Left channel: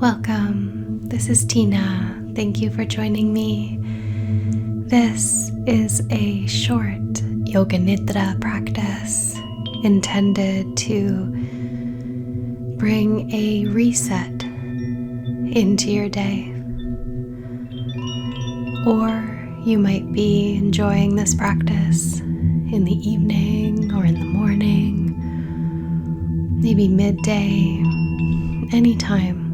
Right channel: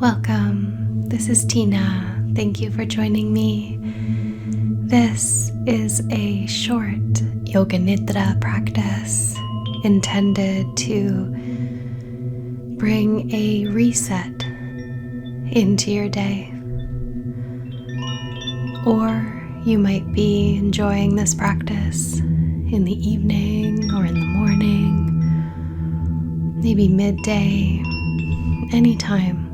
Welcome, this is Tiina. Thank you for joining me. This is a short Yoga Nidra practice intended to bring a reset into your day. Or you might be enjoying this practice in the evening or in the morning, maybe midday, anytime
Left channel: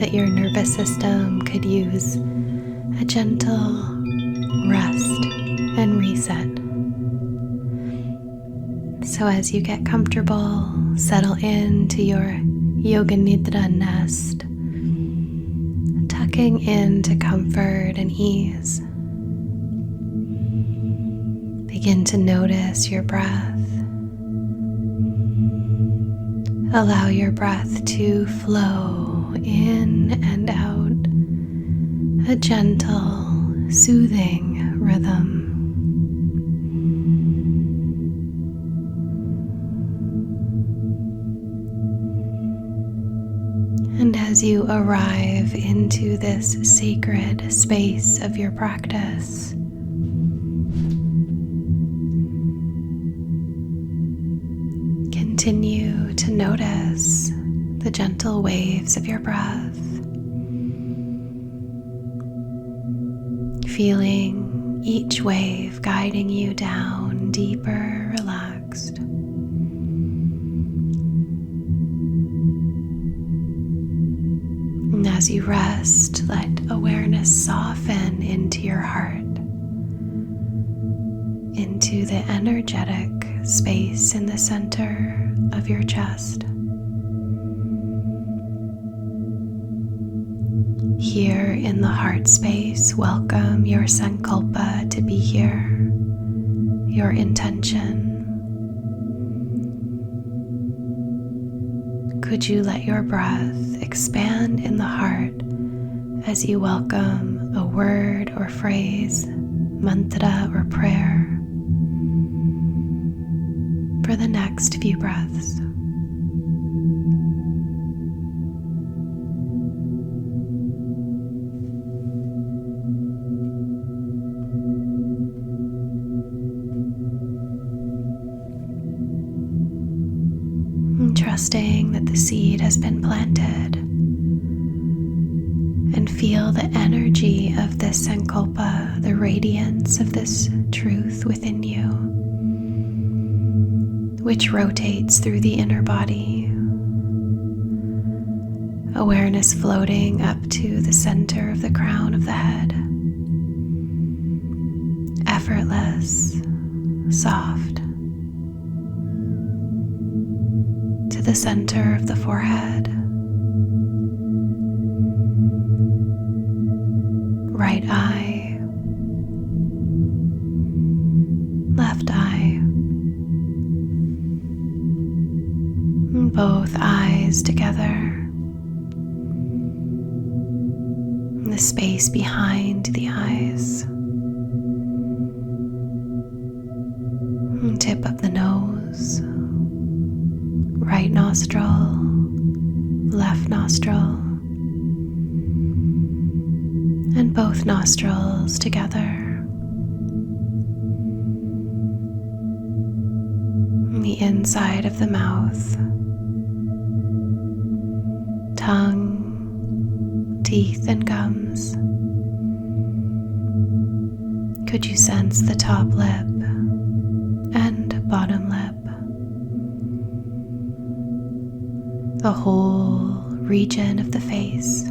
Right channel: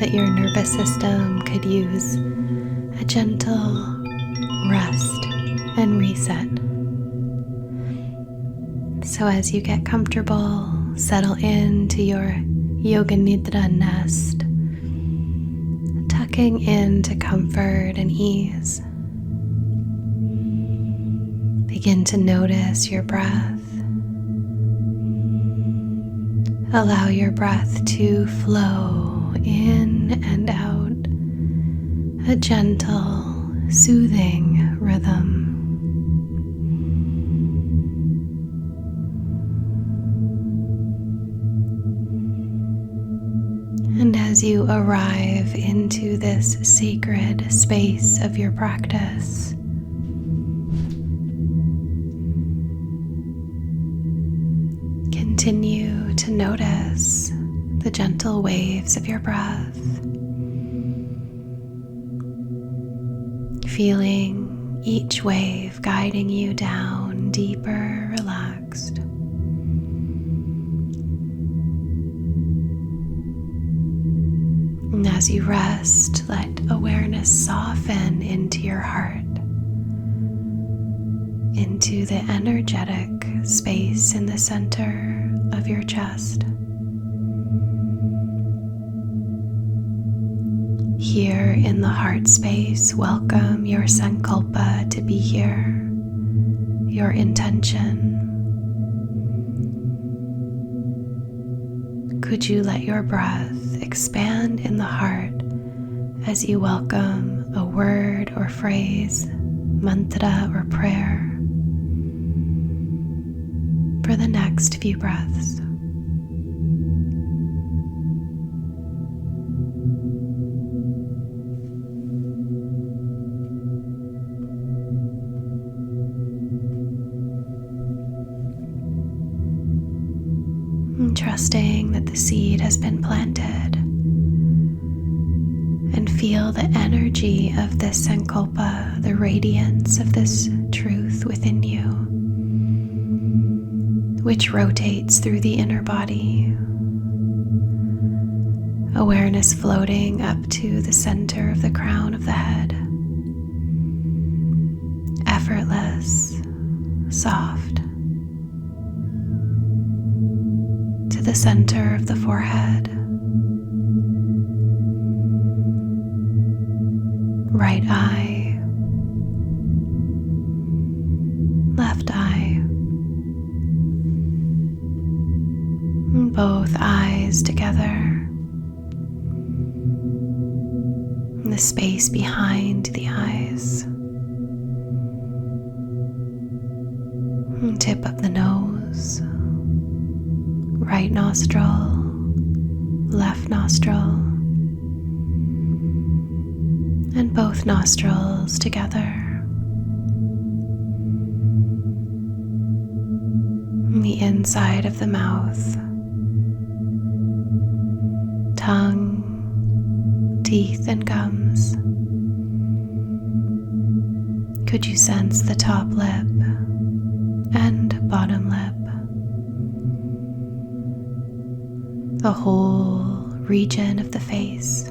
that your nervous system could use a gentle rest and reset. So as you get comfortable, settle into your Yoga Nidra nest, tucking into comfort and ease. Begin to notice your breath. Allow your breath to flow in and out, a gentle, soothing rhythm. And as you arrive into this sacred space of your practice, continue to notice the gentle waves of your breath, feeling each wave guiding you down deeper, relaxed. And as you rest, let awareness soften into your heart, into the energetic space in the center of your chest. Here in the heart space, welcome your sankalpa to be here, your intention. Could you let your breath expand in the heart as you welcome a word or phrase, mantra or prayer for the next few breaths. And trusting that the seed has been planted, and feel the energy of this sankalpa, the radiance of this truth within you, which rotates through the inner body, awareness floating up to the center of the crown of the head, effortless, soft, to the center of the forehead, right eye, left eye, both eyes together, the space behind the eyes, tip of the nose, right nostril, left nostril, and both nostrils together. The inside of the mouth, tongue, teeth, and gums. Could you sense the top lip and bottom lip? The whole region of the face.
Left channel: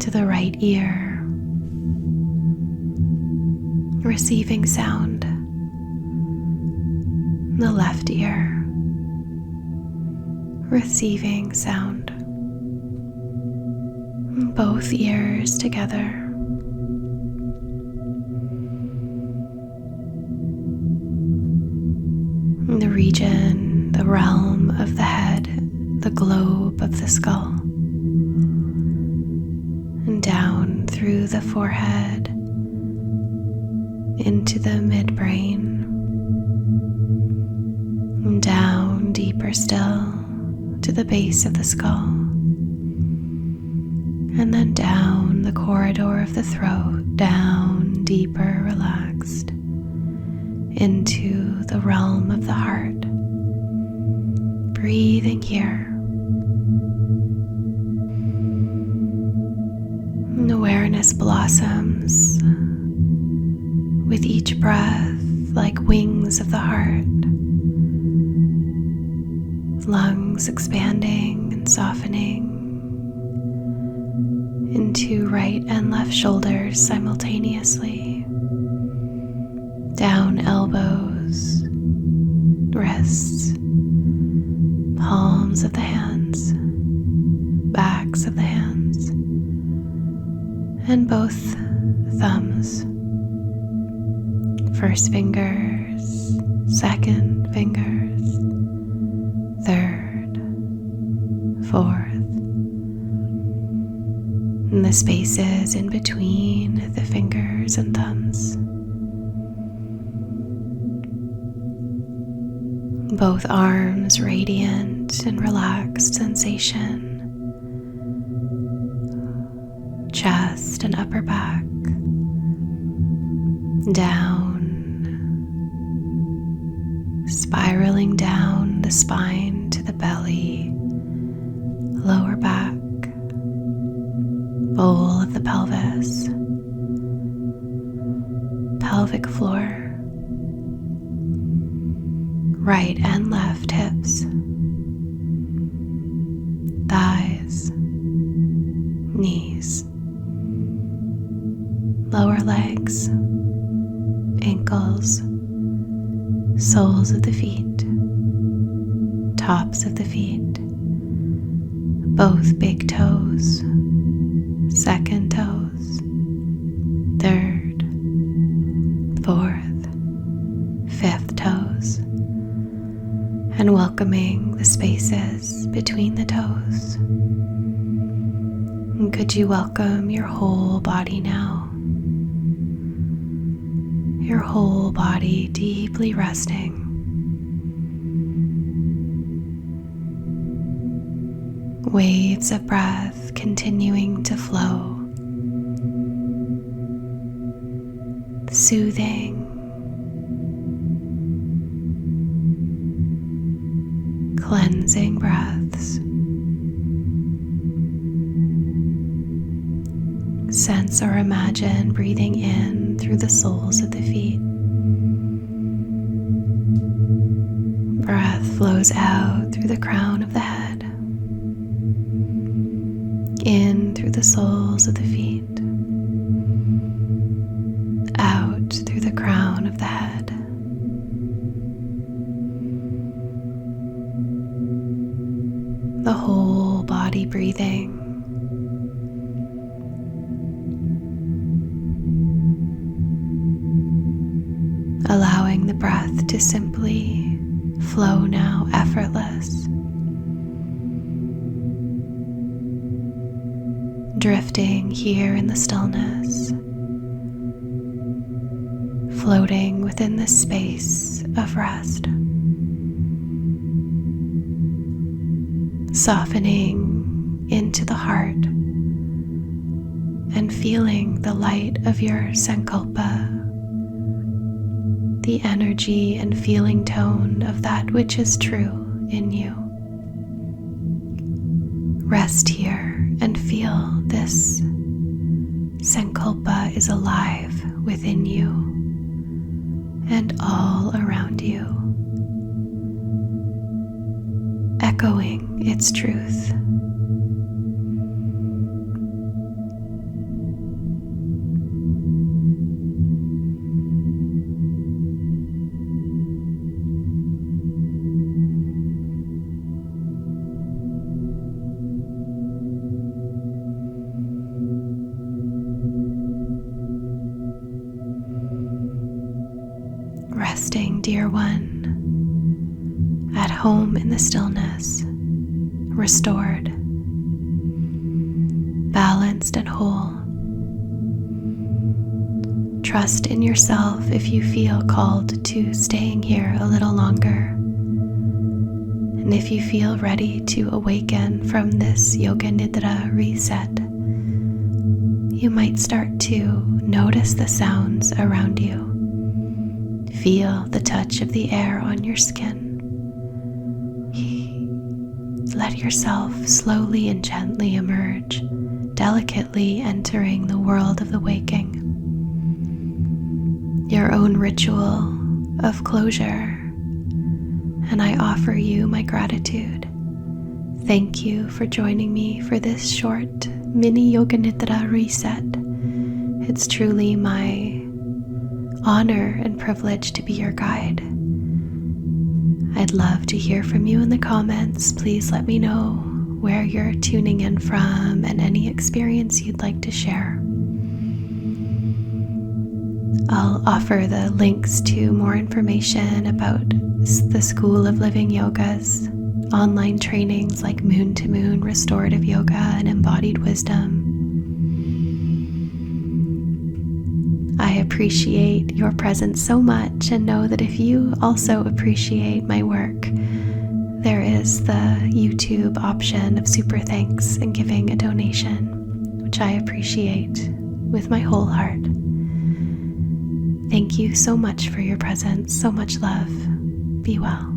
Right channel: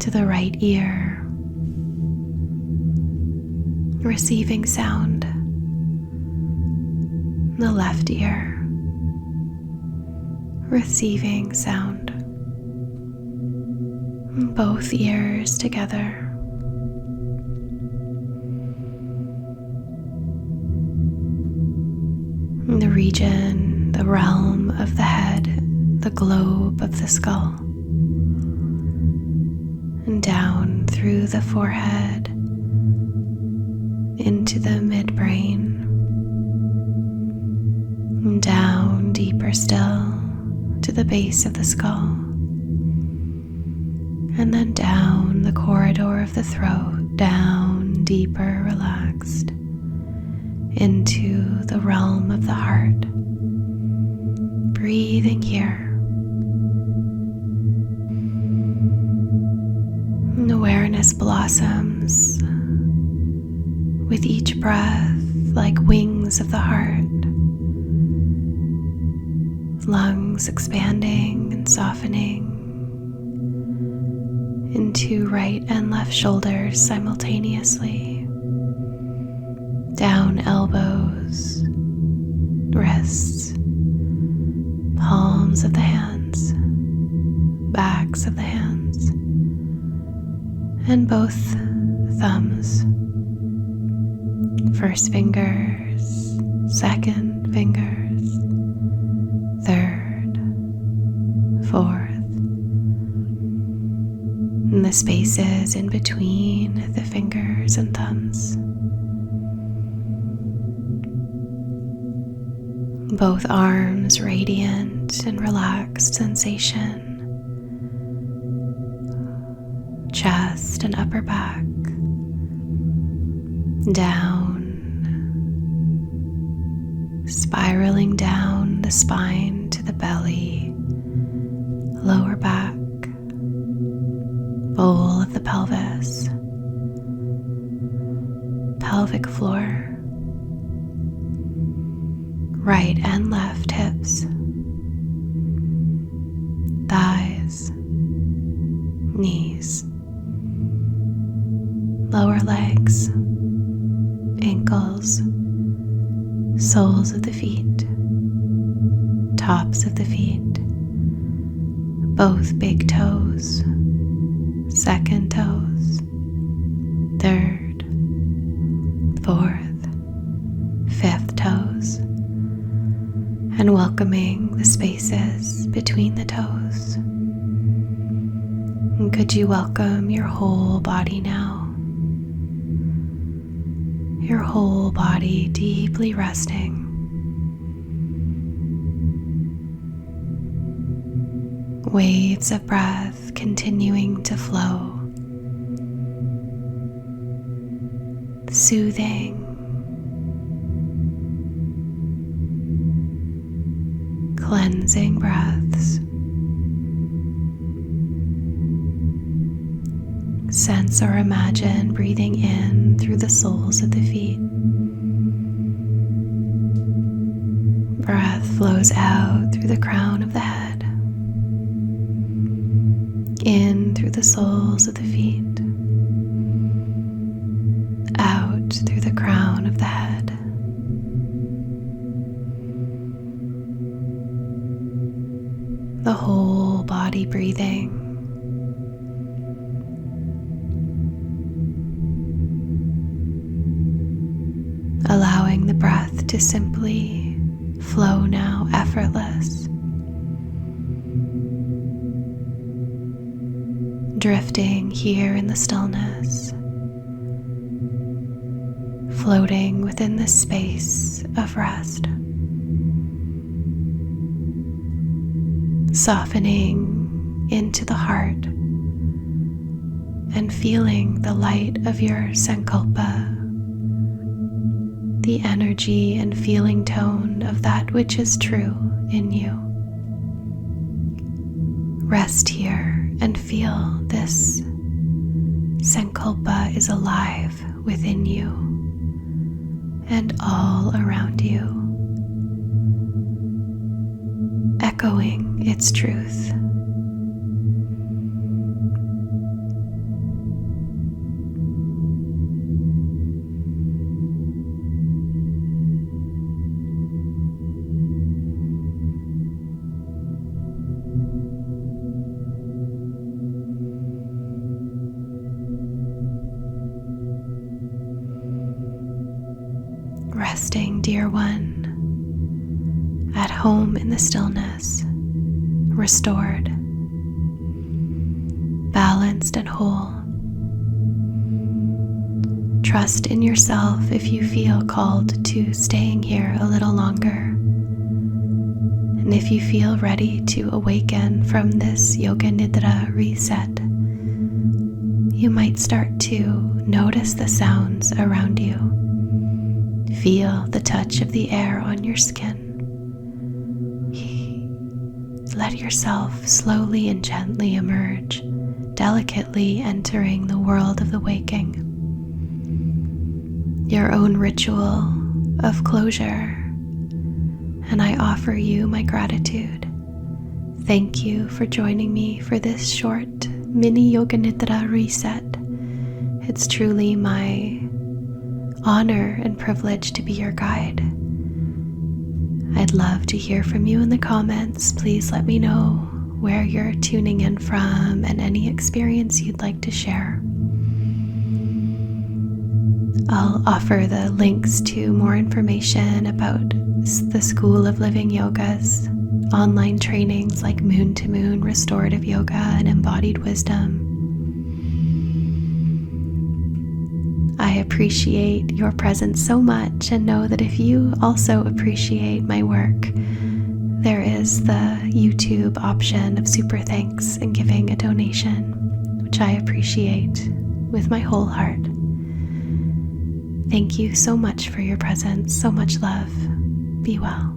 To the right ear, receiving sound. The left ear, receiving sound. Both ears together. The region, the realm of the head, the globe of the skull, and down through the forehead into the midbrain, and down deeper still to the base of the skull, and then down the corridor of the throat, down deeper, relaxed, into the realm of the heart. Breathing here. And awareness blossoms with each breath like wings of the heart. Lungs expanding and softening into right and left shoulders simultaneously. Down elbows, wrists, palms of the hands, backs of the hands, and both thumbs. First fingers, second fingers, third, fourth, and the spaces in between the fingers and thumbs. Both arms radiant and relaxed sensation. Chest and upper back. Down. Spiraling down the spine to the belly. Lower back. Bowl of the pelvis. Pelvic floor. Right and left hips, thighs, knees, lower legs, ankles, soles of the feet, tops of the feet, both big toes, second toes, third, fourth, fifth toes, and welcoming the spaces between the toes. And could you welcome your whole body now? Your whole body deeply resting. Waves of breath continuing to flow. Soothing. Cleansing breaths. Sense or imagine breathing in through the soles of the feet. Breath flows out through the crown of the head. In through the soles of the feet. Out through the crown of the head. The whole body breathing. Allowing the breath to simply flow now, effortless. Drifting here in the stillness. Floating within this space of rest. Softening into the heart and feeling the light of your sankalpa, the energy and feeling tone of that which is true in you. Rest here and feel this sankalpa is alive within you and all around you, echoing its truth. Resting, dear one, at home in the stillness, restored, balanced and whole. Trust in yourself if you feel called to staying here a little longer, And if you feel ready to awaken from this Yoga Nidra Reset, you might start to notice the sounds around you. Feel the touch of the air on your skin. Let yourself slowly and gently emerge, delicately entering the world of the waking. Your own ritual of closure, and I offer you my gratitude. Thank you for joining me for this short mini Yoga Nidra Reset. It's truly my honor and privilege to be your guide. I'd love to hear from you in the comments. Please let me know where you're tuning in from and any experience you'd like to share. I'll offer the links to more information about the School of Living Yoga's online trainings like Moon to Moon, Restorative Yoga, and Embodied Wisdom. I appreciate your presence so much, and know that if you also appreciate my work, there is the YouTube option of super thanks and giving a donation, which I appreciate with my whole heart. Thank you so much for your presence. So much love. Be well.